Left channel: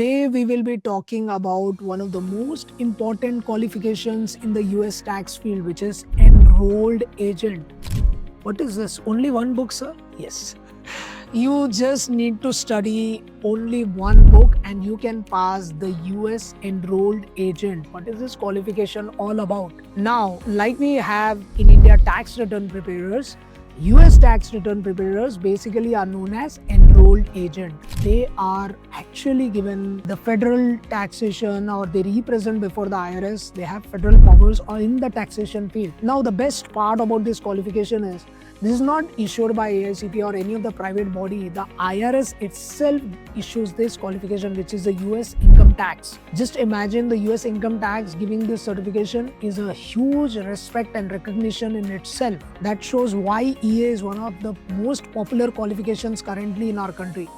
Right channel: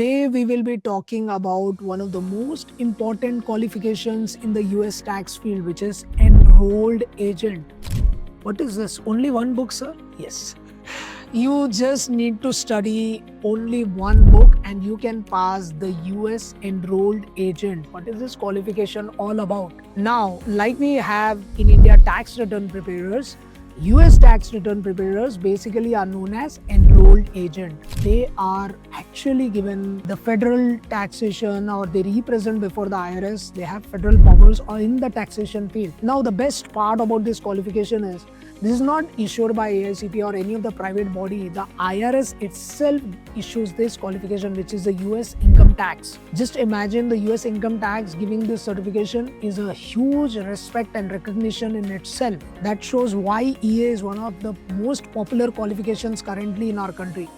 Today, we will be talking about one of the most important qualifications in the US tax field, which is enrolled agent. What is this? Only one book, sir? Yes. You just need to study only one book and you can pass the US enrolled agent. What is this qualification all about? Now, like we have in India tax return preparers, US tax return preparers basically are known as enrolled agent. They are actually given the federal taxation or they represent before the IRS. They have federal powers or in the taxation field. Now, the best part about this qualification is this is not issued by AICP or any of the private body. The IRS itself issues this qualification, which is the US income tax. Just imagine the US income tax giving this certification is a huge respect and recognition in itself. That shows why EA is one of the most popular qualifications currently in our country.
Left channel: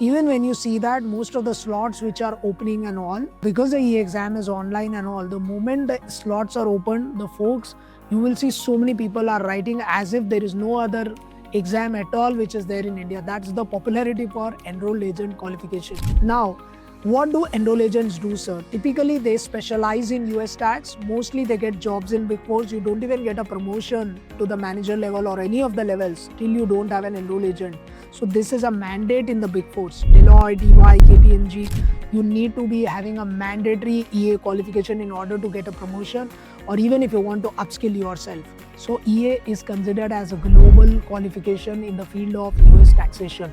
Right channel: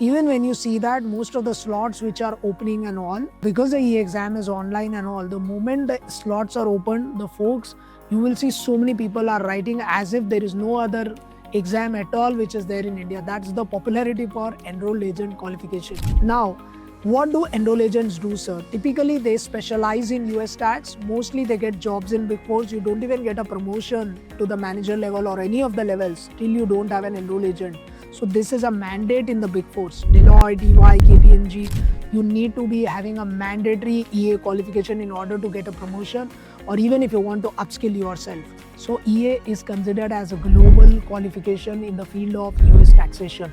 Even when you see that most of the slots which are opening and all, because the EA exam is online and all, the moment the slots are open, the folks, you will see so many people are writing as if there is no other exam at all which is there in India. That's the popularity for enrolled agent qualification. Now, what do enroll agents do, sir? Typically, they specialize in US tax. Mostly, they get jobs in Big Fours. You don't even get a promotion to the manager level or any of the levels till you don't have an enroll agent. So, this is a mandate in the Big Fours. Deloitte, EY, KPMG. You need to be having a mandatory EA qualification in order to get a promotion or even if you want to upskill yourself. So, EA is considered as a global qualification in the field of US taxation.